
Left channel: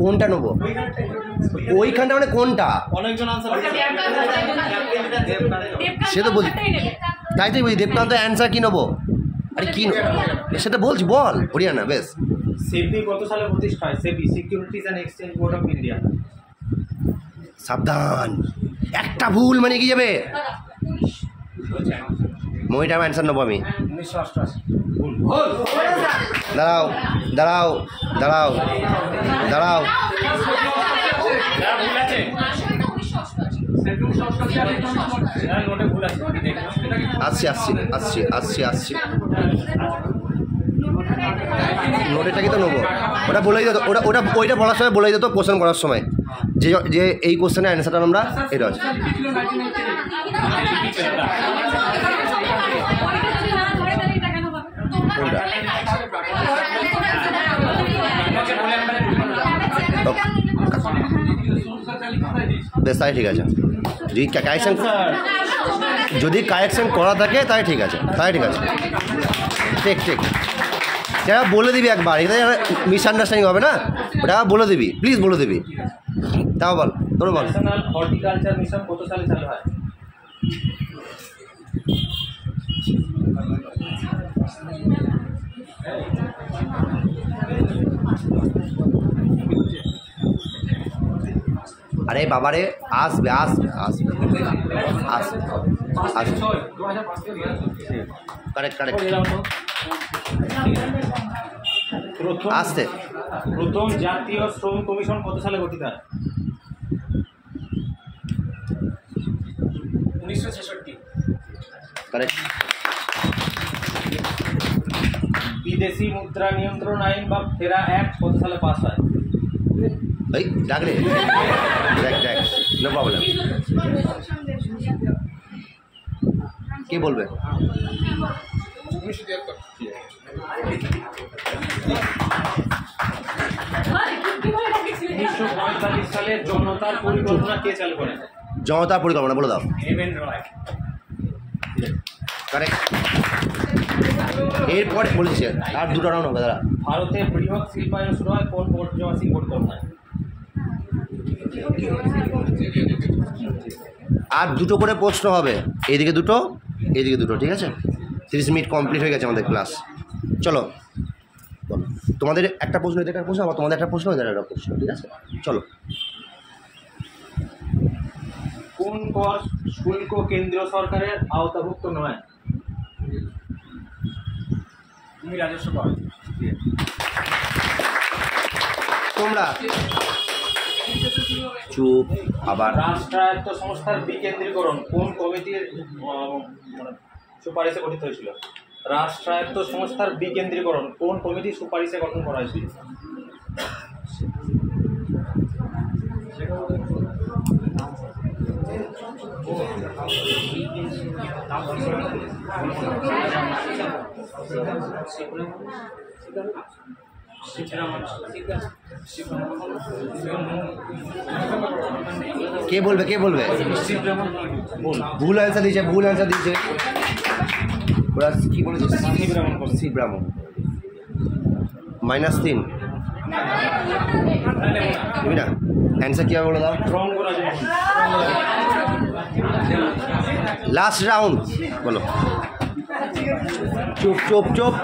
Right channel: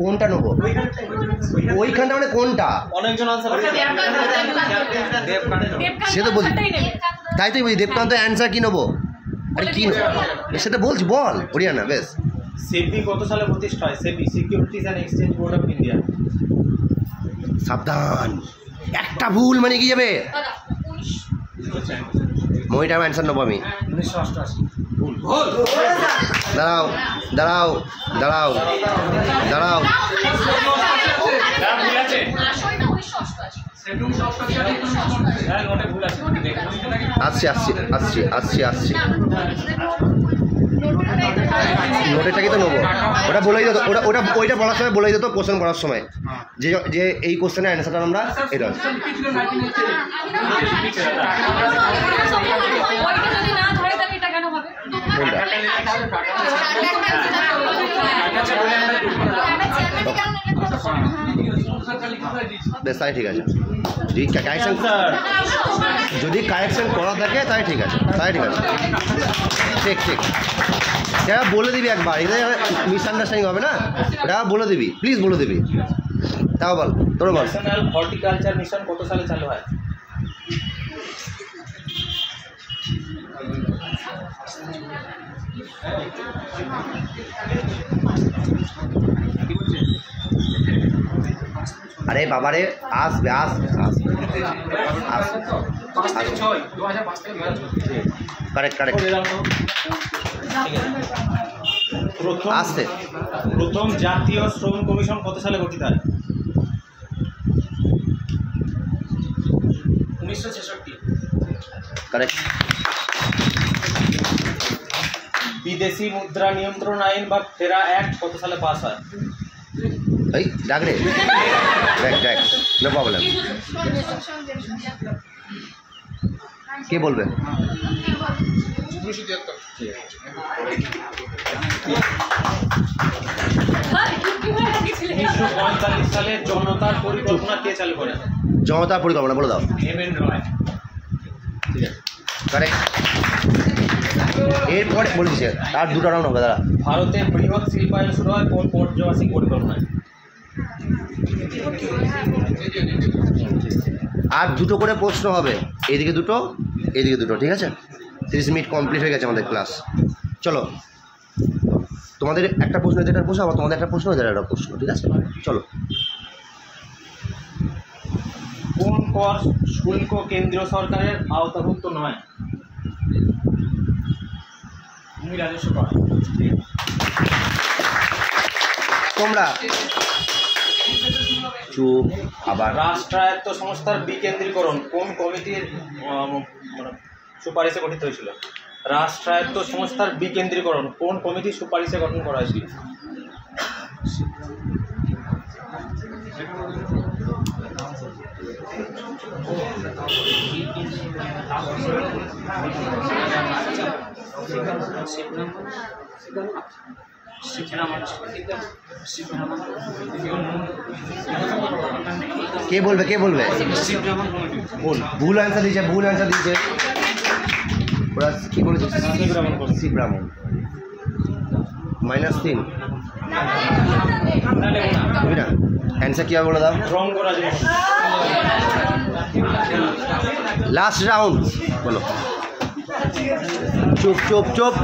কোনটা নেবো, ওইখানটা মানে কোনটা? অনেকজন আনসার সে তো বলছি, তাই তো বলছি দেবকান্ত অ্যান্সার কী নেবো? আরে কী নেবো সেটা বলছি, বল। হরিয়ানা, বেশ। সেবি কত সালে প্রতিষ্ঠা হয়? SEBI securities and exchange board of India. সাবধান, একটা ভুল মানে কি যাবে? মইটা অ্যান্সার নেবো আমি। 1988। দাঁড়াও দাঁড়াও দাঁড়াও দাঁড়াও, ভুল আছে, নোটে ভুল আছে। আসছি আসছি আসছি আসছি আসছি। নোটেরটা কি তো নেবো, ওটা বলেই দিত, ওইটা বলার সময় বলেই দিত, কোশ্চেন করার সময় যে যে এই কোশ্চেনের অ্যান্সারটা আমরা এটা আছে। কোনটা? বেশ, তাই ঠিক আছে। যদি কারেকশন করা থাকে তাই ঠিক আছে, তাই ঠিক আছে। ঠিক ঠিক, সেটা বলে দিবি একবার, এটা মিসআন্ডারস্ট্যান্ডিং হবে না, ওটা বলে দিবি, প্লিজ বলে দিবি। তাও বল, তোর বল। ন্যাশনাল হর্টিকালচার মিশন কত সালে চালু হয়? আরে বাবারে, আসবে আসবে আসবে আসবে আসবে। কারেক্ট কারেক্ট, আসছে। প্রথম জাতীয় শ্রম কমিশন কত সালে গঠিত হয়? 1966। কারেক্ট। বিদেশি মুদ্রা নিয়ন্ত্রণ আইন বা ফেরা অ্যাক্ট কত সালে পাস হয়? এই ডাক রে, দেখ দেখ, নো প্রবলেম। কে বলবে? 1945 সালে জনতার পরিকল্পনা কে চালু করেন? জনতার পরিকল্পনা বলে দাও। এমএন রয়। কারেক্ট। এরপরে বলেছি আর দুটো রাউন্ড হবে দাদা। ভারতের বৃহৎ শিল্পায়ন শুরু হয় কোন পর্যবাসী পরিকল্পনায়? আর দুটো করে প্রশ্ন হবে, এইদিকে দুটো এইদিকে দুটো, ঠিক আছে? 30 মিনিট কমপ্লিট হয়ে গেছে আমাদের ক্লাস। চলো, তোমাদের একটা প্রশ্ন, এদের একটা প্রশ্ন, আবার তোমাদের একটা প্রশ্ন, এদের একটা প্রশ্ন, ঠিক আছে? চলো। কোন কর শুল্ক কেন্দ্রীয় সরকারের আওতাভুক্ত নয়? ভূমি রাজস্ব কর। তোমরা চুপ। আবার রাষ্ট্রায়ত্ত সংস্থার বিকেন্দ্রীকরণ কোন কমিটির সুপারিশে গঠিত হয়েছিল? রাষ্ট্রায়ত্ত সংস্থার বিকেন্দ্রীকরণ কোন কমিটির সুপারিশে গঠন করা হয়েছিল? কে বলবে, কে বলবে? ভুল অ্যান্সার দিয়েছে, ভুল অ্যান্সার দিয়েছে। ওরা কী করেছে? সি ব্রাহ্মণ। -3 বুঝলি না? অ্যান্সার কী হবে বলে দাও। লাস্ট রাউন্ড বলো। চুপ চুপ চুপ।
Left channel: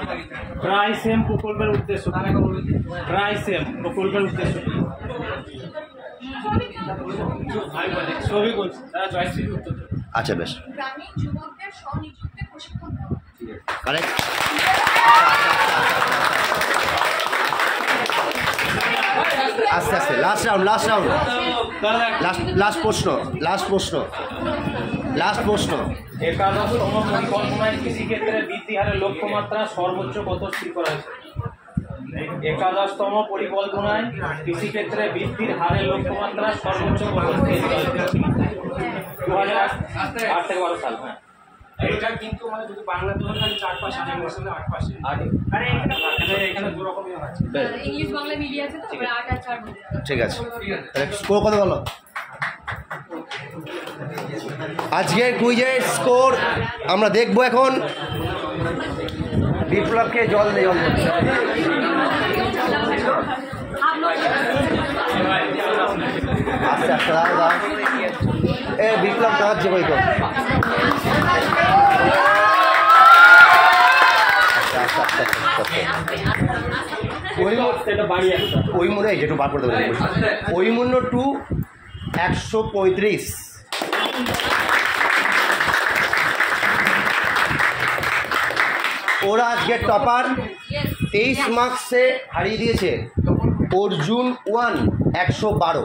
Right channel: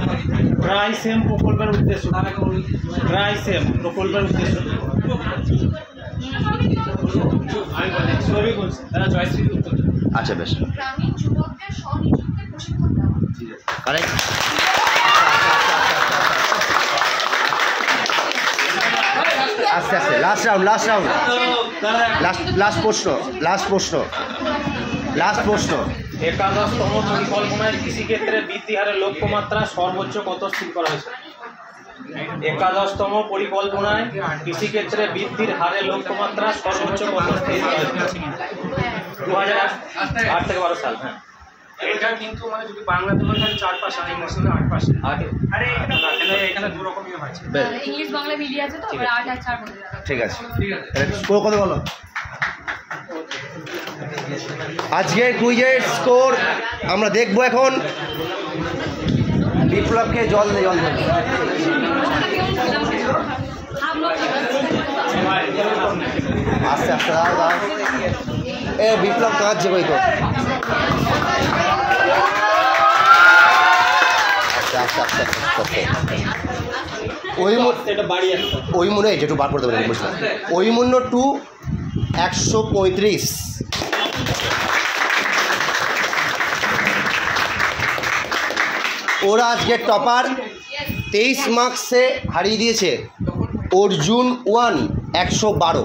ট্রাইসেম প্রকল্পের উদ্দেশ্য। ট্রাইসেম প্রকল্পের উদ্দেশ্য। আচ্ছা বেশ, গ্রামীণ যুবকদের স্বনিযুক্তি প্রশিক্ষণ দেওয়া। কারেক্ট। আস্তে আস্তে last round, last round, last প্রশ্ন, লাস্ট প্রশ্ন, লাস্ট প্রশ্ন। একাদশতম পরিকল্পনায় কৃষিক্ষেত্রে বৃদ্ধি হারের লক্ষ্যমাত্রা সর্বোচ্চ কত স্থির করা হয়েছে? একাদশতম পরিকল্পনায় কৃষিক্ষেত্রে বৃদ্ধির হারের লক্ষ্যমাত্রা সর্বোচ্চ কত স্থির করা হয়েছে? 2008 থেকে 12 সাল। হ্যাঁ, এটা কিন্তু মানে যদি বাংলা তুলনা হয় 4 পাস আর ইংলিশ হলে 8 পাস। আরে এখানে দু রকমই আছে। ইংলিশ বাংলা মিলিয়ে আছে তো, এবার 8 আর 4 বলে দাও। ঠিক আছে, তাহলে স্কোর কত বলো? আজকের কুইজের স্কোর আমরা দেখবো এখন। বিপ্লবকে জল দে, জল দে। আস্তে আস্তে দাও দাও। এ বিপ্লব কাঁদছে বই তো। আচ্ছা আচ্ছা আচ্ছা আচ্ছা। ওই মনে হয় যেটু বার করে দেবেন, বুঝলাম। ওই মূল্য 2 135। ওরা আজকে টপার 23 মার্কসে হারিয়ে দিয়েছে। অর্জুন 1 112।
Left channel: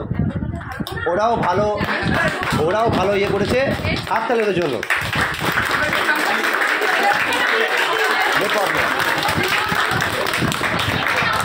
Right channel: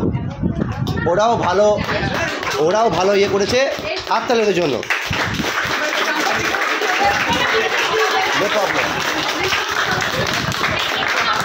ওরাও ভালো ইয়ে করেছে, হাততালির জন্য। No problem.